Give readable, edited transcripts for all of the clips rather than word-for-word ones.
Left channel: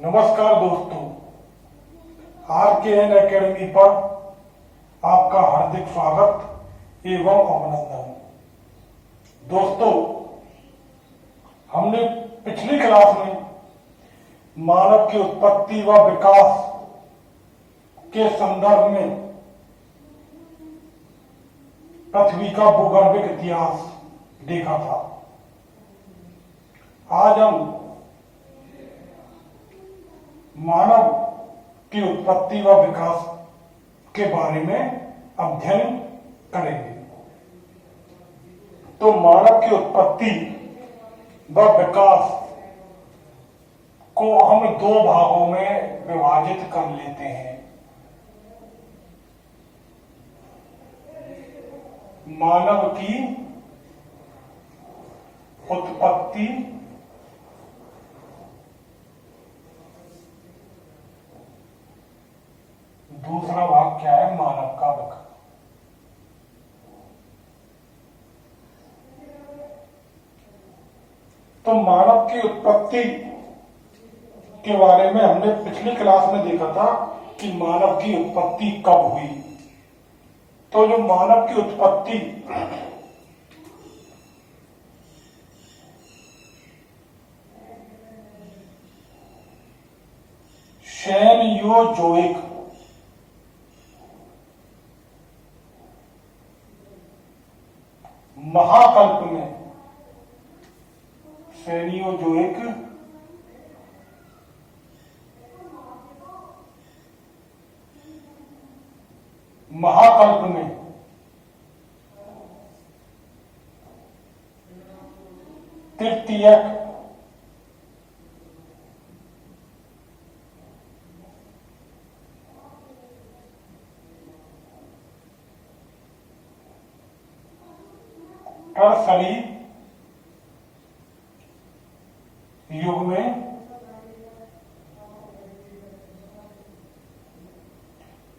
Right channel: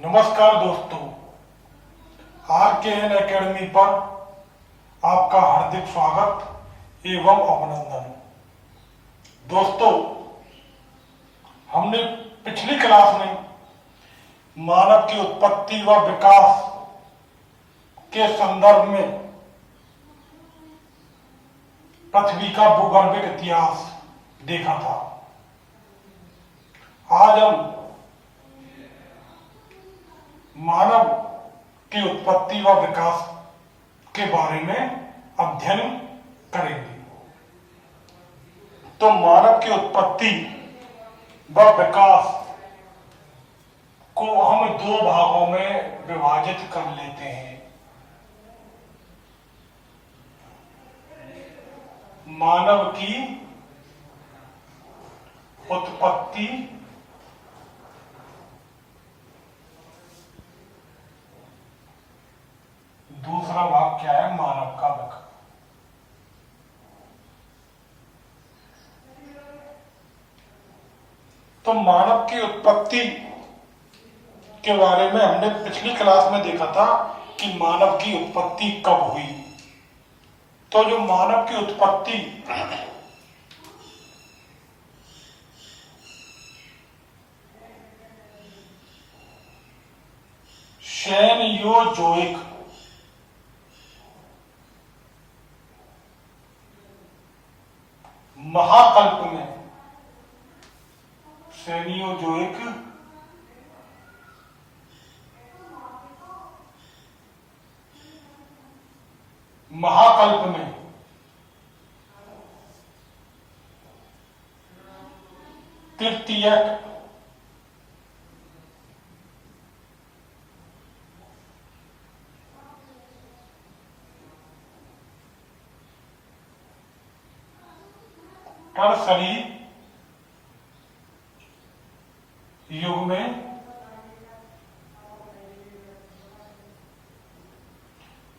नमस्कार दोस्तों, RKN academy पर आपका हार्दिक स्वागत एवं अभिनंदन। दोस्तों, हमने पिछली क्लास में मानव की उत्पत्ति व विकास के संदर्भ में पृथ्वी का भूगर्भिक इतिहास देखा था। आज हम मानव की उत्पत्ति व विकास के बारे में अध्ययन करेंगे। तो मानव की उत्पत्ति व विकास को हम दो भागों में विभाजित कर लेते हैं। मानव की उत्पत्ति दूसरा भाग क्या है? मानव का विकास। तो मानव की उत्पत्ति के बारे में हमने पिछली क्लास में देखा था कि मानव की उत्पत्ति कब हुई। तो जो मानव की उत्पत्ति सेनयोजोइक महाकल्प में, सेनियोजोइक महाकल्प में तृतीयक टर्सरी युग में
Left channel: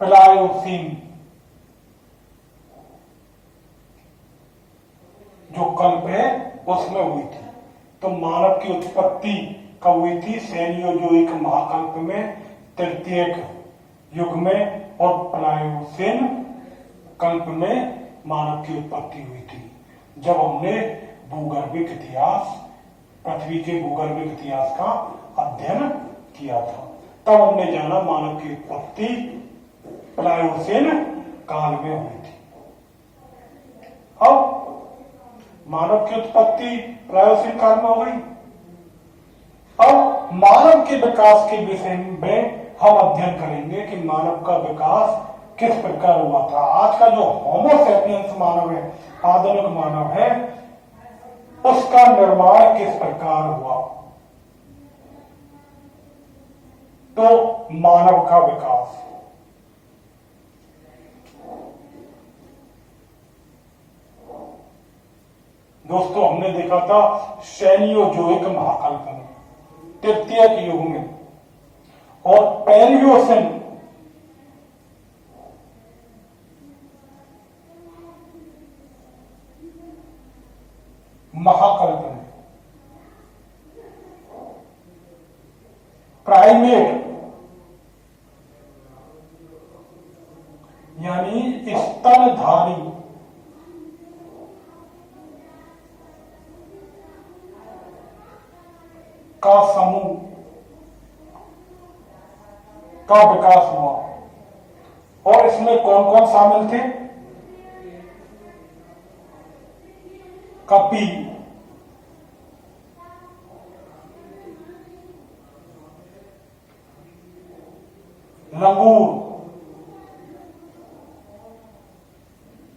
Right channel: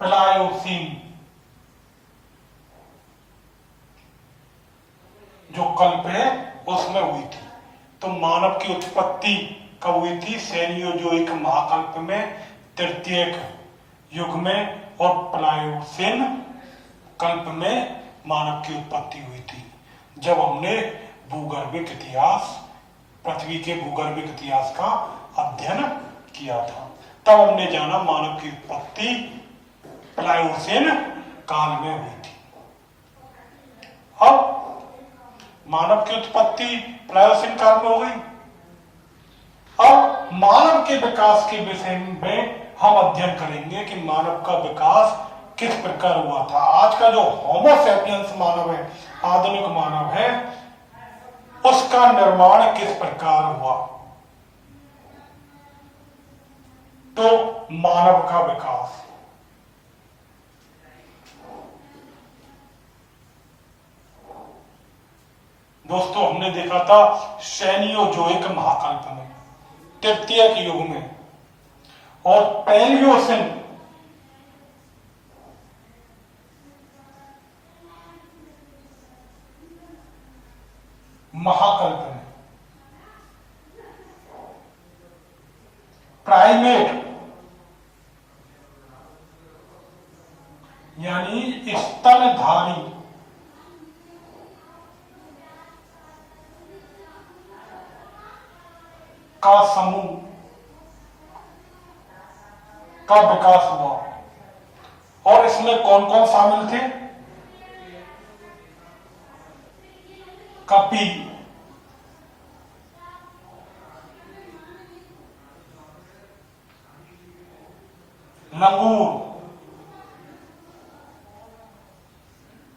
प्लायोसीन जो कल्प है उसमें हुई थी। तो मानव की उत्पत्ति कब हुई थी? सेनियोजोइक महाकल्प में, तृतीयक युग में और प्लायोसीन कल्प में मानव की उत्पत्ति हुई थी। जब हमने भूगर्भिक इतिहास, पृथ्वी के भूगर्भिक इतिहास का अध्ययन किया था, तब हमने जाना मानव की उत्पत्ति प्लायोसीन काल में हुई थी। अब मानव की उत्पत्ति प्लायोसीन काल में हो गई। अब मानव के विकास के विषय में हम अध्ययन करेंगे कि मानव का विकास किस प्रकार हुआ था। आज का जो होमो सैपियंस मानव है, आधुनिक मानव है, उसका निर्माण किस प्रकार हुआ। तो मानव का विकास, दोस्तों, हमने देखा था सेनियोजोइक महाकल्प में, तृतीयक युग में और पैलियोसिन महाकल्प में। प्राइमेट यानी स्तनधारी का समूह का विकास हुआ। और इसमें कौन कौन शामिल थे? कपी, लंगूर,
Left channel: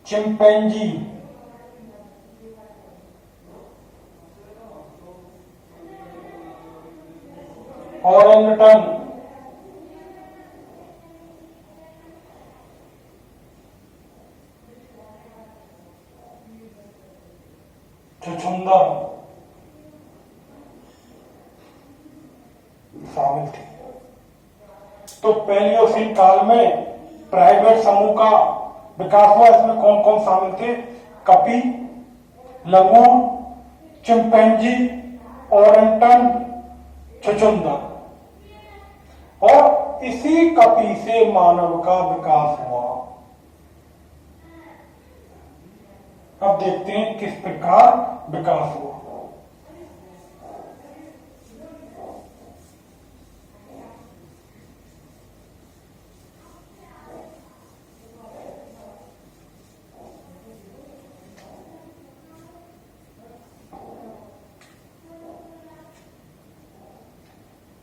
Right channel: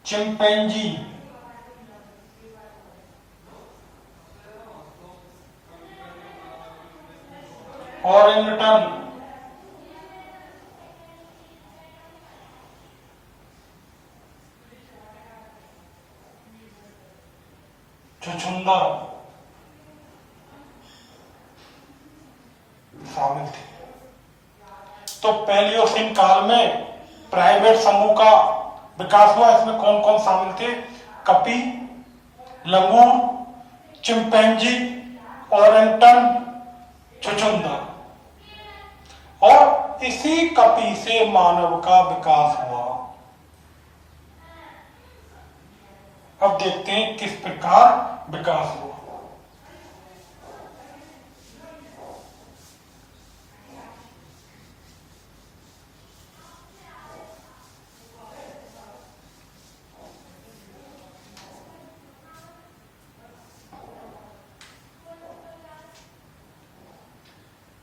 चिंपैंजी, ओरेंगटन, छुछुंदर शामिल थे। तो पैलियोसिन काल में प्राइमेट समूह का विकास हुआ। इसमें कौन कौन शामिल थे? कपी, लंगूर, चिंपैंजी, ओरेंगटन, छुछुंदर। और इसी कपि से मानव का विकास हुआ। अब देखते हैं किस प्रकार विकास हुआ।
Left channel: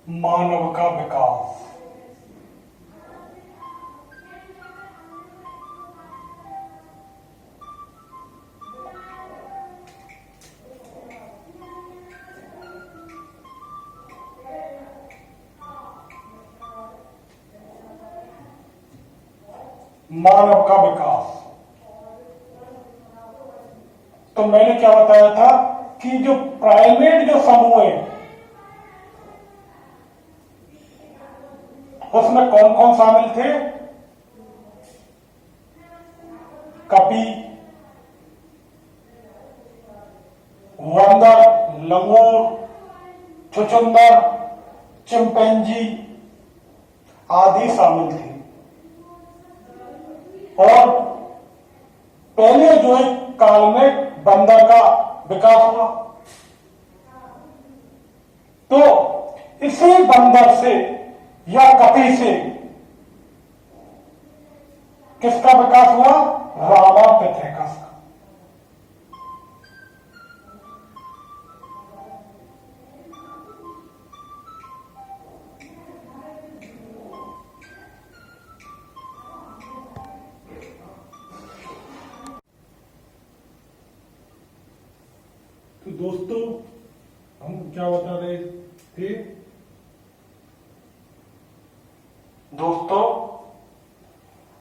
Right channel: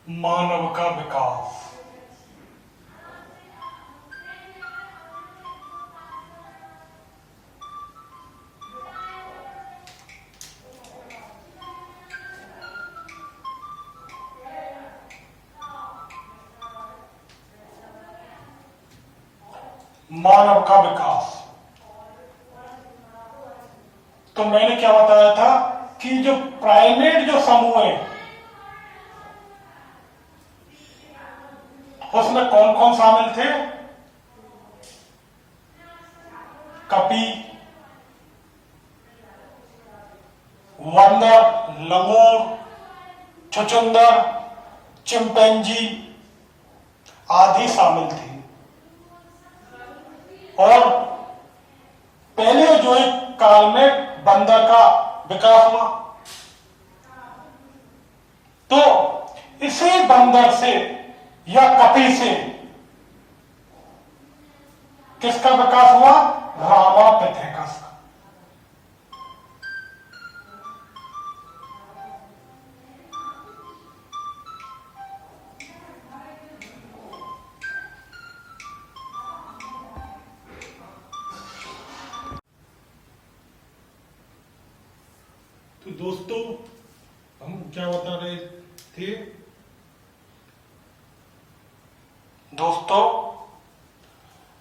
मानव का विकास। मानव का विकास, तो मैंने क्या बताया था कि जो प्राइमेट जो समूह है उसमें कौन कौन शामिल थे? कपि, बंदर, लंगूर, छुछुंदर, चिंपैंजी आदि शामिल थे। और पहले जो एक काल में बंदर का विकास हुआ, तो इसी बंदर से या कपि से किसका विकास हुआ? रामापिथेकस का। तो दोस्तों हम क्या बता रहे थे? दोस्तों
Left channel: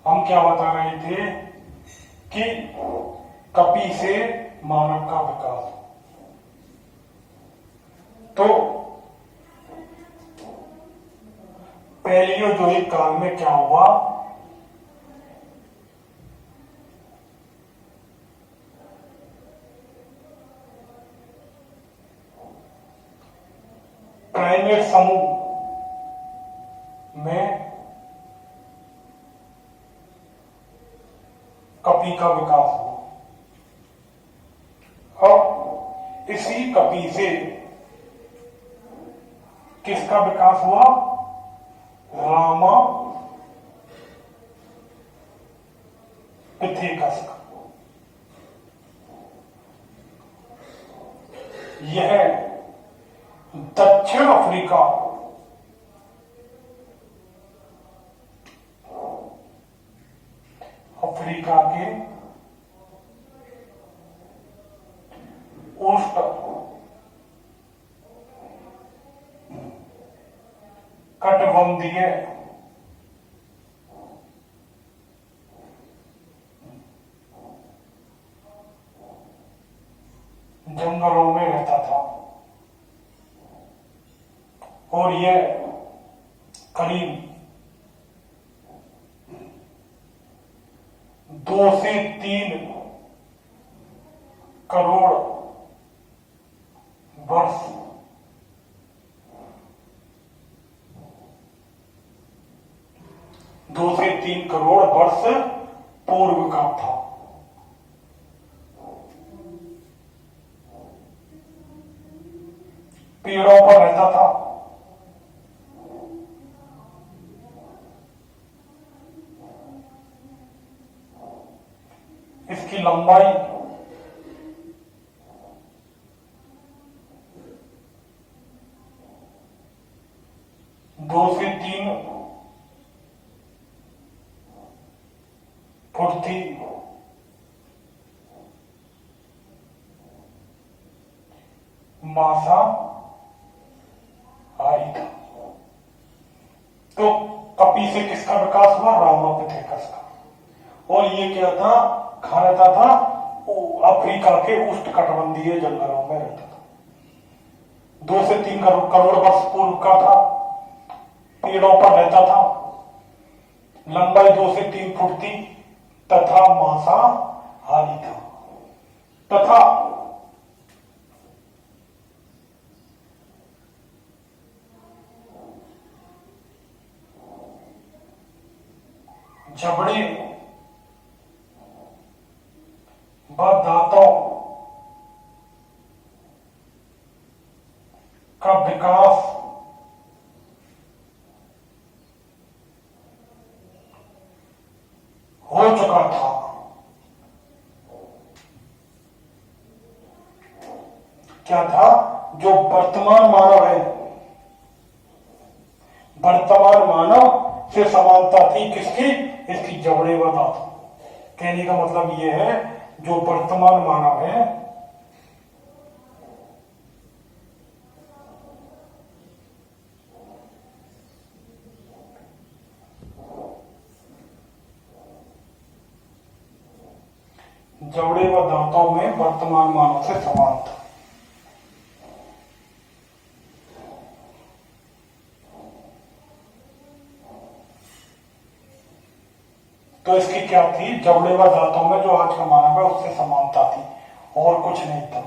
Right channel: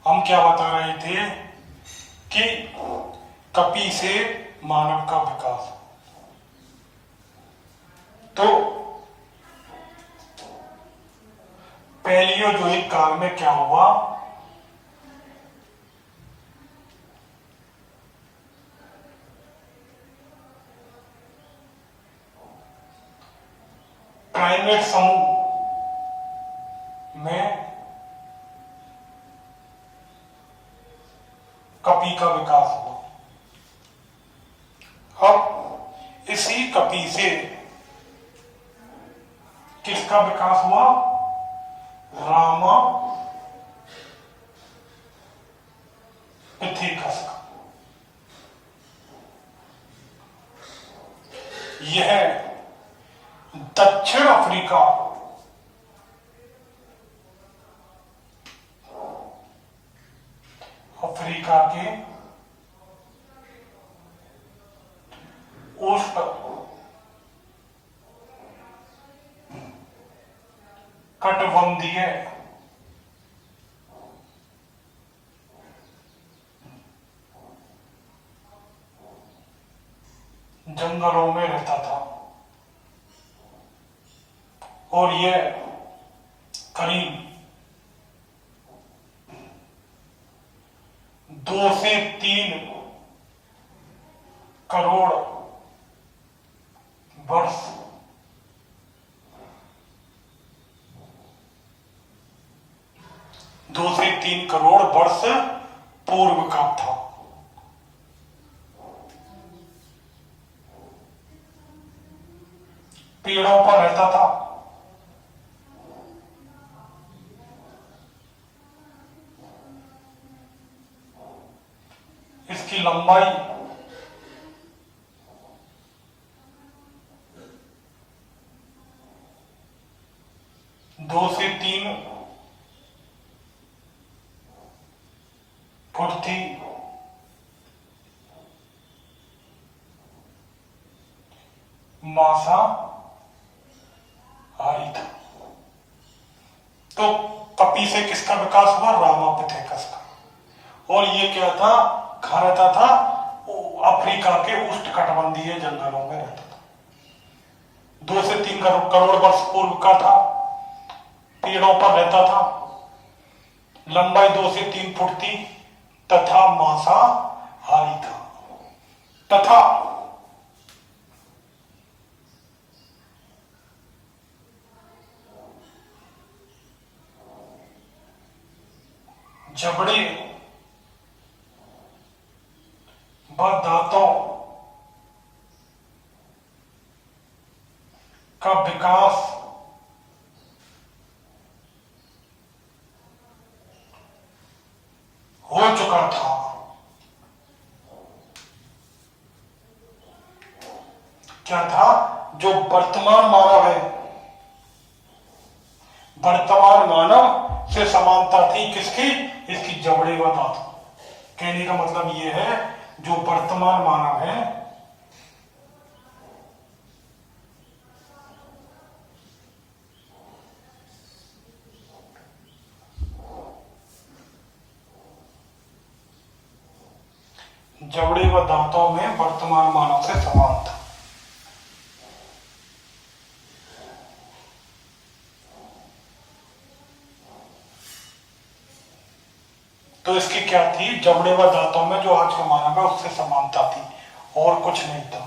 हम क्या बता रहे थे कि कपि से मानव का विकास। तो पहले जो एक काल में क्या हुआ? प्राइमेट समूह में कपि का विकास हुआ। अब इसी कपि से किसका विकास हुआ? रामापिथेकस का। यह दक्षिण अफ्रीका के उष्ण कटिबंधीय जंगलों में रहता था और यह करीब 2 से 3 करोड़ वर्ष पूर्व का था। पेड़ों पर रहता था। इसकी लंबाई 2 से 3 फुट थी। मांसाहारी था। तो कपि से किसका विकास हुआ? रामापिथेकस का। और ये क्या था? कहाँ रहता था? अफ्रीका के उष्णकटिबंधीय जंगलों में रहता था। 2 से 3 करोड़ वर्ष पूर्व का था। पेड़ों पर रहता था। लंबाई 2 से 3 फुट थी तथा मांसाहारी था। तथा जबड़े व दांतों का विकास हो चुका था। क्या था? जो वर्तमान मानव है, वर्तमान मानव से समानता थी किसकी? इसकी जबड़े व दांतों। कहने का मतलब यह है जो वर्तमान मानव है जबड़े व दांतों में वर्तमान मानव से समान था। तो इसकी क्या थी? जबड़े व दांतों में जो आज का मानव है उससे समानता थी और कुछ नहीं था।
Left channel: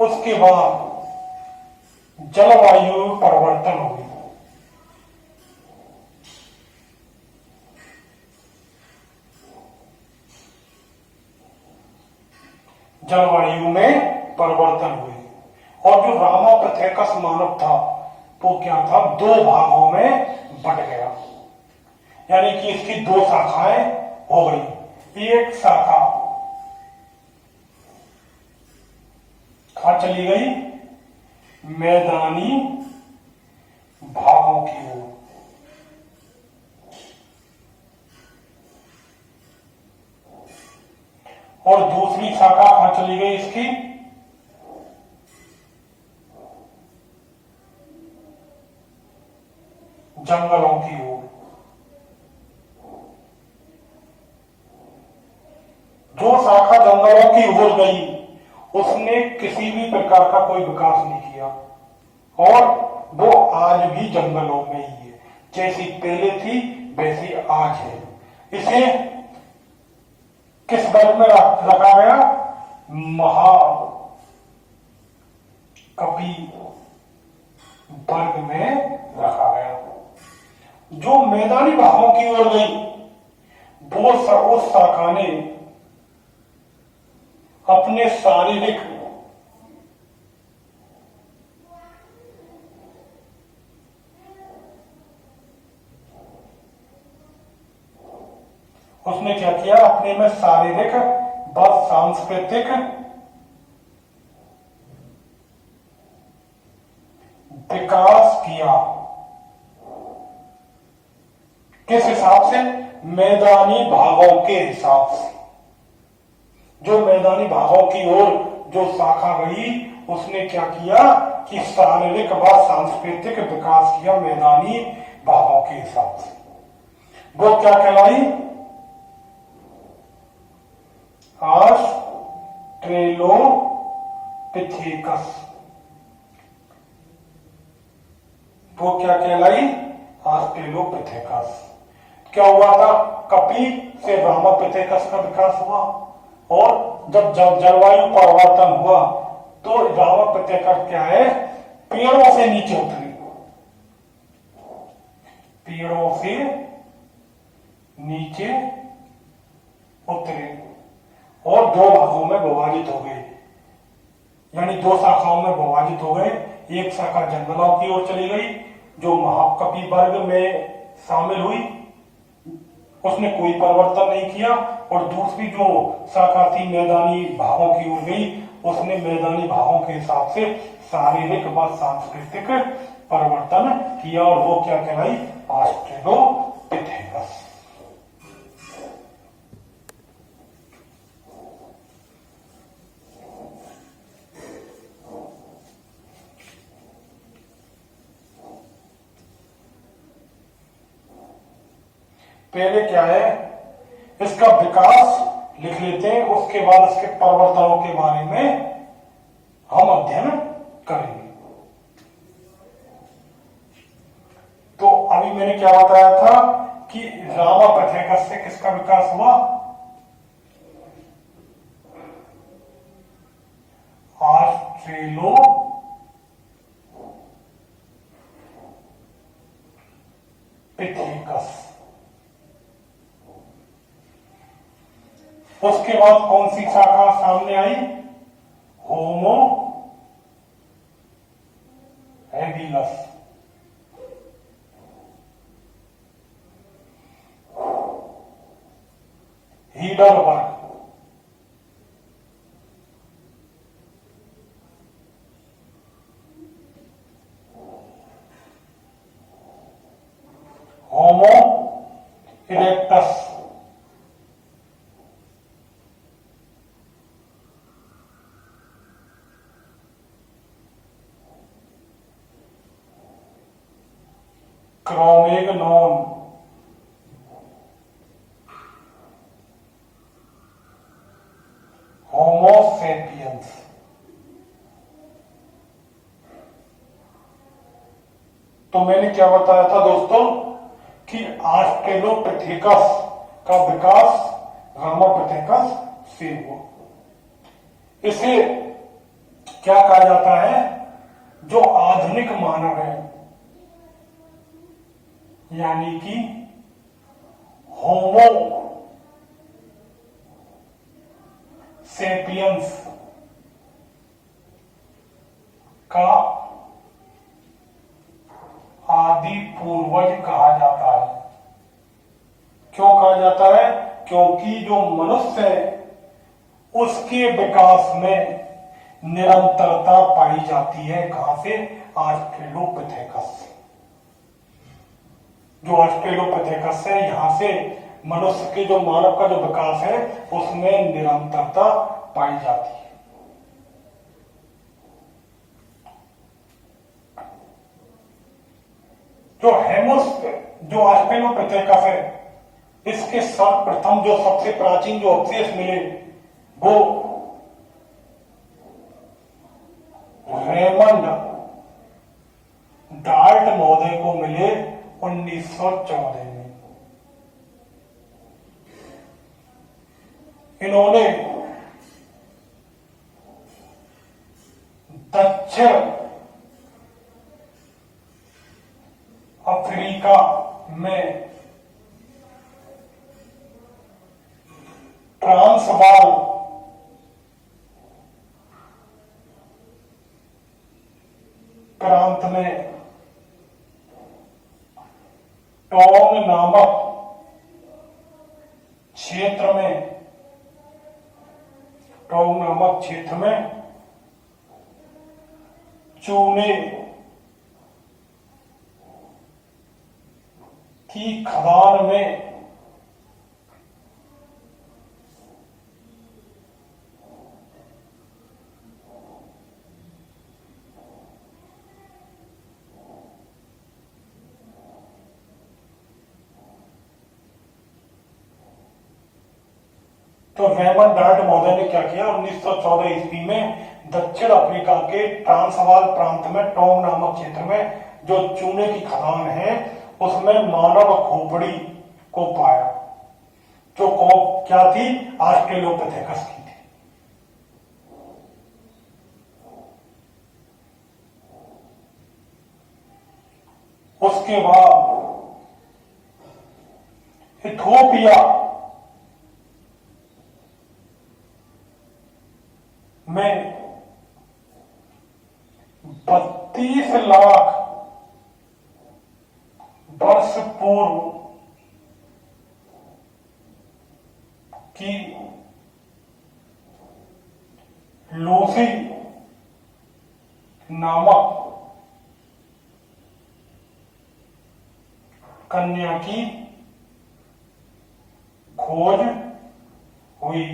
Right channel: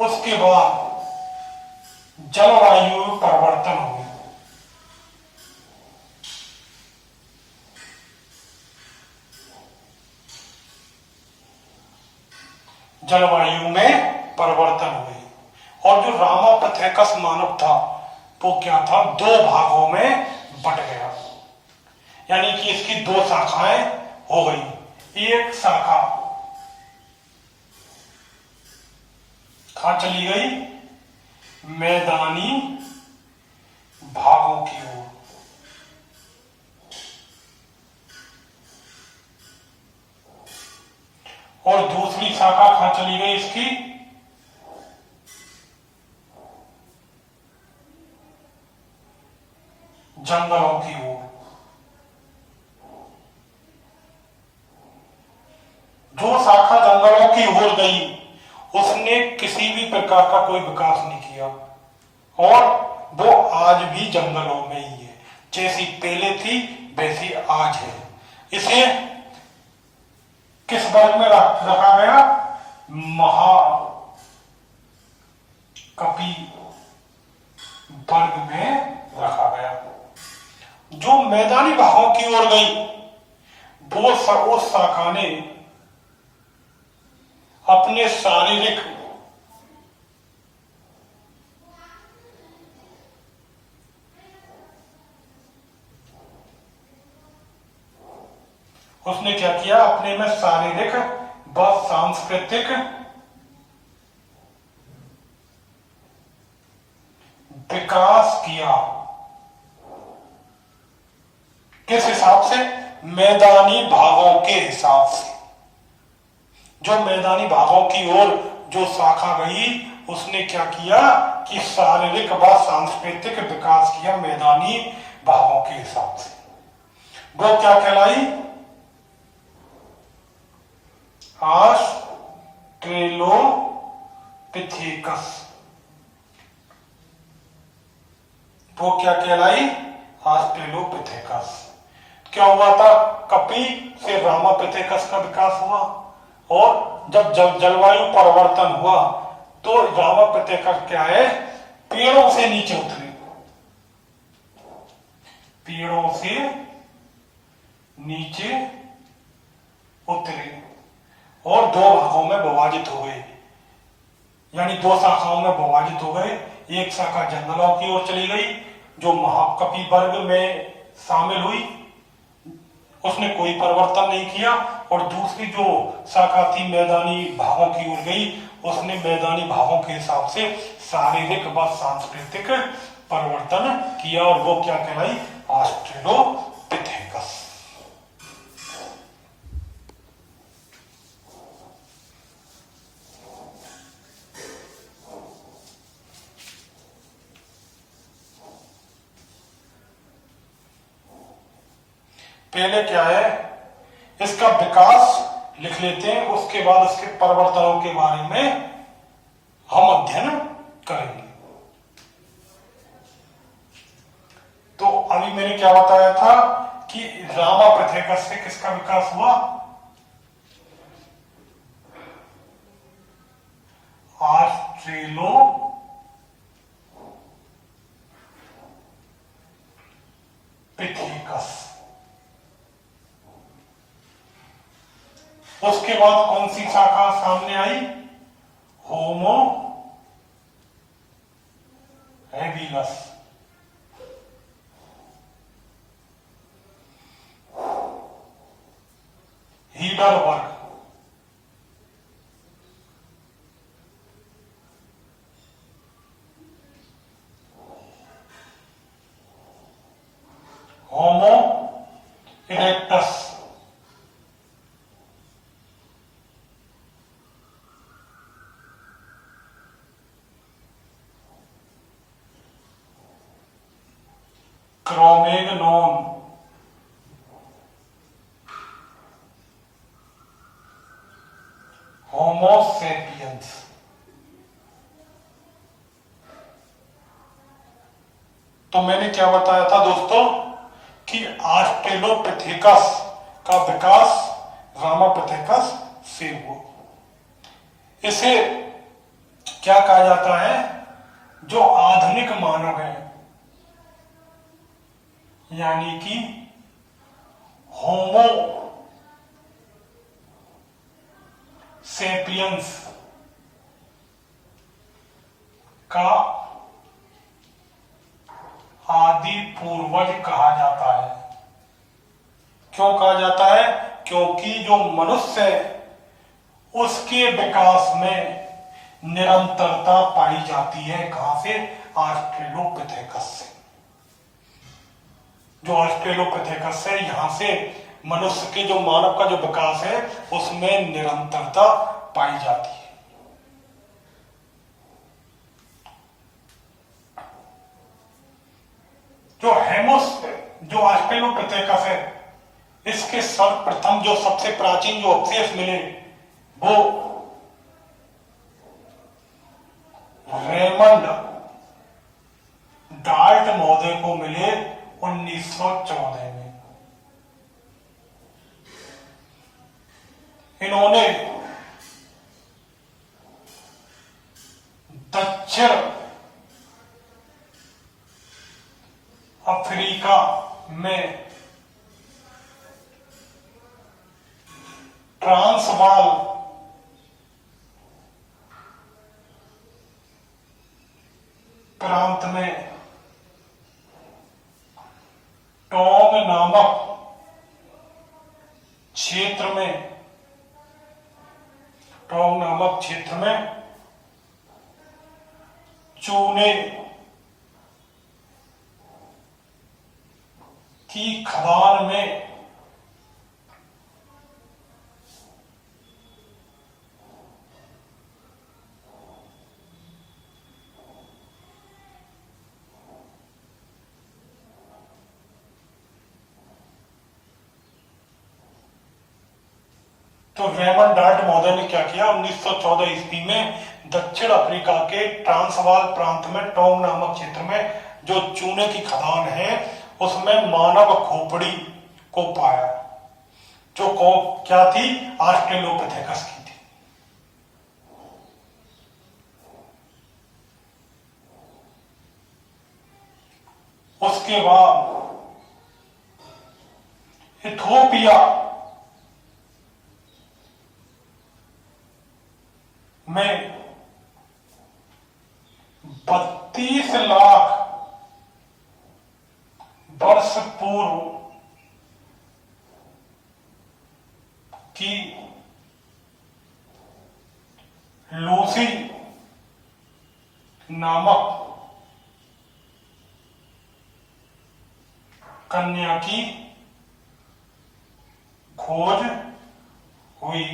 उसके बाद जलवायु में परिवर्तन हो गया। जलवायु में परिवर्तन हुए और जो रामापिथेकस मानव था वो क्या था? दो भागों में बट गया, यानी कि इसकी दो शाखाएं हो गई। एक शाखा कहां चली गई? मैदानी भागों की ओर, और दूसरी शाखा कहां चली गई इसकी? जंगलों की ओर। जो शाखा जंगलों की ओर गई उसने किसी भी प्रकार का कोई विकास नहीं किया और वो आज भी जंगलों में ही है। जैसी पहले थी वैसी आज है। इसे किस वर्ग में रखा गया? महाकपि वर्ग में रखा गया। जो मैदानी भागों की ओर गई वो उस शाखा ने अपने शारीरिक उसने क्या किया? अपने में शारीरिक व सांस्कृतिक विकास किया। किस हिसाब से? मैदानी भागों के हिसाब से। जो मैदानी भागों की ओर जो शाखा गई उसने क्या किया कि शारीरिक व सांस्कृतिक विकास किया मैदानी भागों के हिसाब से। वो क्या कहलाई? ऑस्ट्रेलोपिथेकस। वो क्या कहलाई? ऑस्ट्रेलोपिथेकस। क्या हुआ था? कपि से रामापिथेकस का विकास हुआ और जब जलवायु परिवर्तन हुआ तो रामापिथेकस क्या है? पेड़ों से नीचे उतरे, पेड़ों से नीचे उतरे और दो भागों में विभाजित हो गए, यानी दो शाखाओं में विभाजित हो गए। एक शाखा जंगलों की ओर चली गई जो महाकपि वर्ग में शामिल हुई, उसने कोई परिवर्तन नहीं किया, और दूसरी जो शाखा थी मैदानी भागों की ओर गई उसने मैदानी भागों के हिसाब से शारीरिक व सांस्कृतिक परिवर्तन किया और वो क्या कहलाई? ऑस्ट्रेलोपिथेकस। पहले क्या है? इसका विकास लिख लेते हैं, उसके बाद इसके परिवर्तनों के बारे में हम अध्ययन करेंगे। तो अभी मैंने क्या बताया था कि रामापिथेकस से किसका विकास हुआ? ऑस्ट्रेलोपिथेकस। उसके बाद कौन सी शाखा सामने आई? Homo habilis. Heidelberg. Homo erectus. Cro-Magnon. Homo sapiens. तो मैंने क्या बताया था दोस्तों कि ऑस्ट्रेलोपिथेकस का विकास रामापिथेकस से हुआ। इसे क्या कहा जाता है? जो आधुनिक मानव है, यानी कि होमो सेपियंस का आदि पूर्वज कहा जाता है। क्यों कहा जाता है? क्योंकि जो मनुष्य है उसके विकास में निरंतरता पाई जाती है। कहां से? ऑस्ट्रेलोपिथेकस से। जो ऑस्ट्रेलोपिथेकस है, यहां से मनुष्य के जो मानव का जो विकास है उसमें निरंतरता पाई जाती है। जो ऑस्ट्रेलोपिथेकस है, इसके सर्वप्रथम जो सबसे प्राचीन जो अवशेष मिले वो रेमंड डाल्ट महोदय को मिले 1914 में। इन्होंने दक्षिण अफ्रीका में ट्रांसवाल प्रांत में टोंग नामक क्षेत्र में चूने की खदान में तो रेमंड डाल्ट महोदय ने क्या किया? 1914 ईस्वी में दक्षिण अफ्रीका के ट्रांसवाल प्रांत में टोंग नामक क्षेत्र में जो चूने की खदान है उसमें मानव खोपड़ी को पाया, जो क्या थी? ऑस्ट्रेलोपिथेकस की थी। उसके बाद इथोपिया में 32 लाख वर्ष पूर्व की लूसी नामक कन्या की खोज हुई,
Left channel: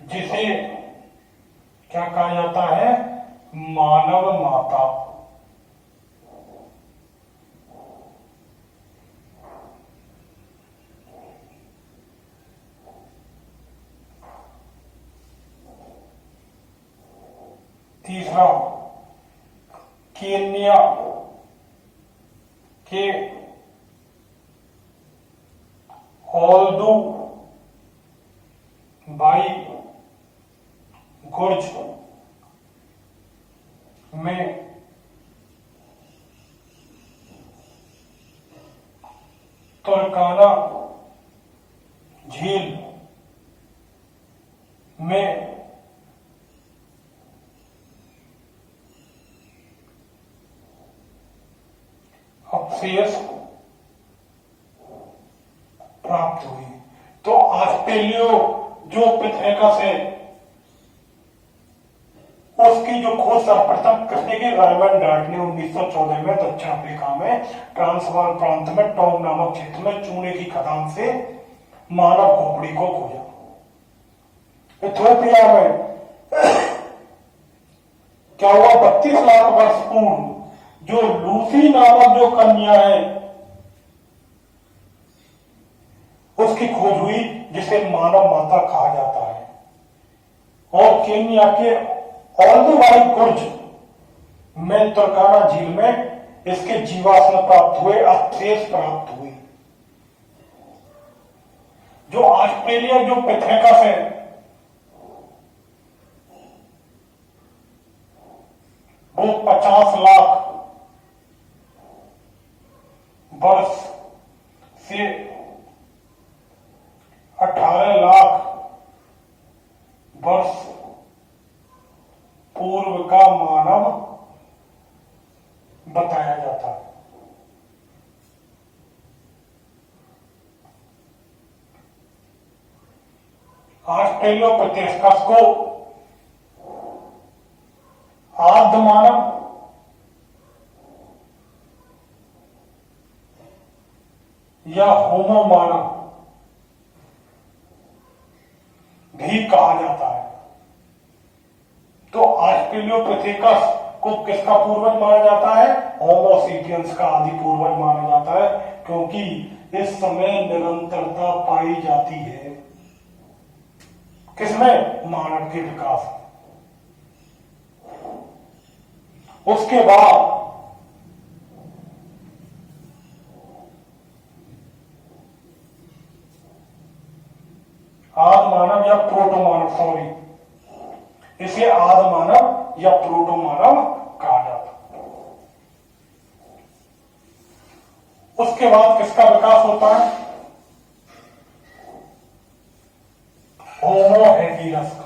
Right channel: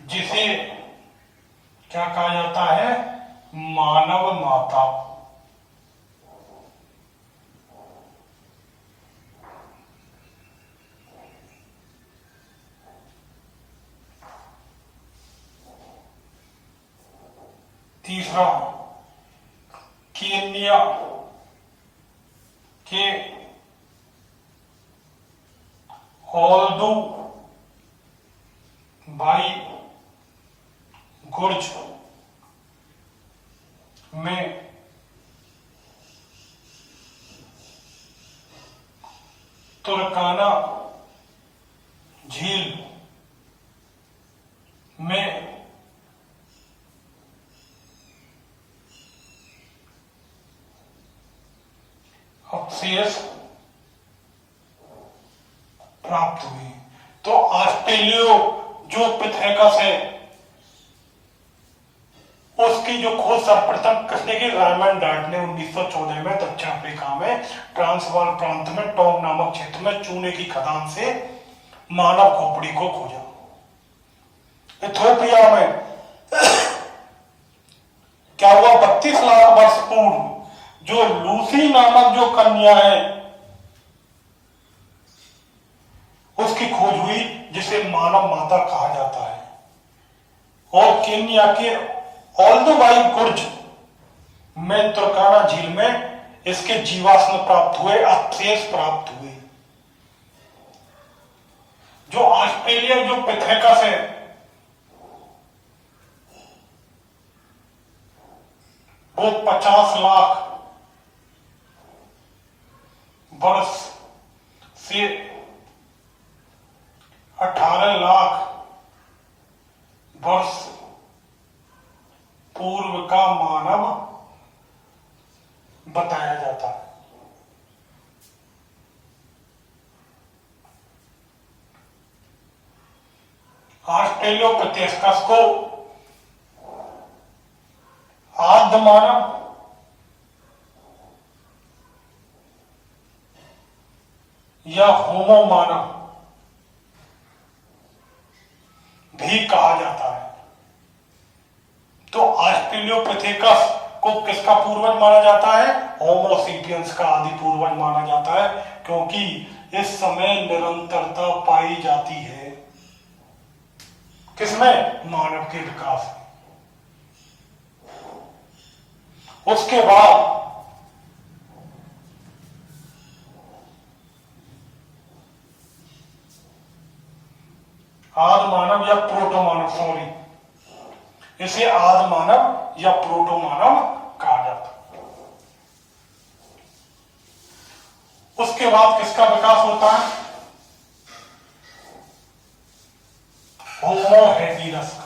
जिसे क्या कहा जाता है? मानव माता। तीसरा, केन्या के ओल्डू बाई गुर्ज में तुर्काना झील में अवशेष प्राप्त हुई। तो ऑस्ट्रेलियो जो पिथेकस है उसकी जो खोज सर्वप्रथम किसने की? रायमंड डार्ट ने 1914 में दक्षिण अफ्रीका में ट्रांसवाल प्रांत में टॉम नामक क्षेत्र में चूने की खदान से मानव खोपड़ी को खोजा। इथियोपिया में क्या हुआ? 32 लाख वर्ष पूर्व जो लूसी नामक जो कन्या है उसकी खोज हुई, जिसे मानव माता कहा जाता है। और केन्या के ओल्डुवाई गुर्ज में तुर्काना झील में इसके जीवाश्म प्राप्त हुए, अवशेष प्राप्त हुए। जो ऑस्ट्रेलिया जो पिथेकस है वो 50 लाख वर्ष से 18 लाख वर्ष पूर्व का मानव बताया जाता है। ऑस्ट्रेलोपिथेकस को आद्य मानव या होमो मानव भी कहा जाता है। तो ऑस्ट्रेलोपिथेकस को किसका पूर्वज माना जाता है? होमो सेपियंस का आदि पूर्वज माना जाता है, क्योंकि इस समय निरंतरता पाई जाती है। किसमें? मानव के विकास में। उसके बाद आद मानव या प्रोटो मानव, सॉरी, इसे आद मानव या प्रोटो मानव कहा जाता है। उसके बाद किसका विकास होता है? होमो हेबियस का।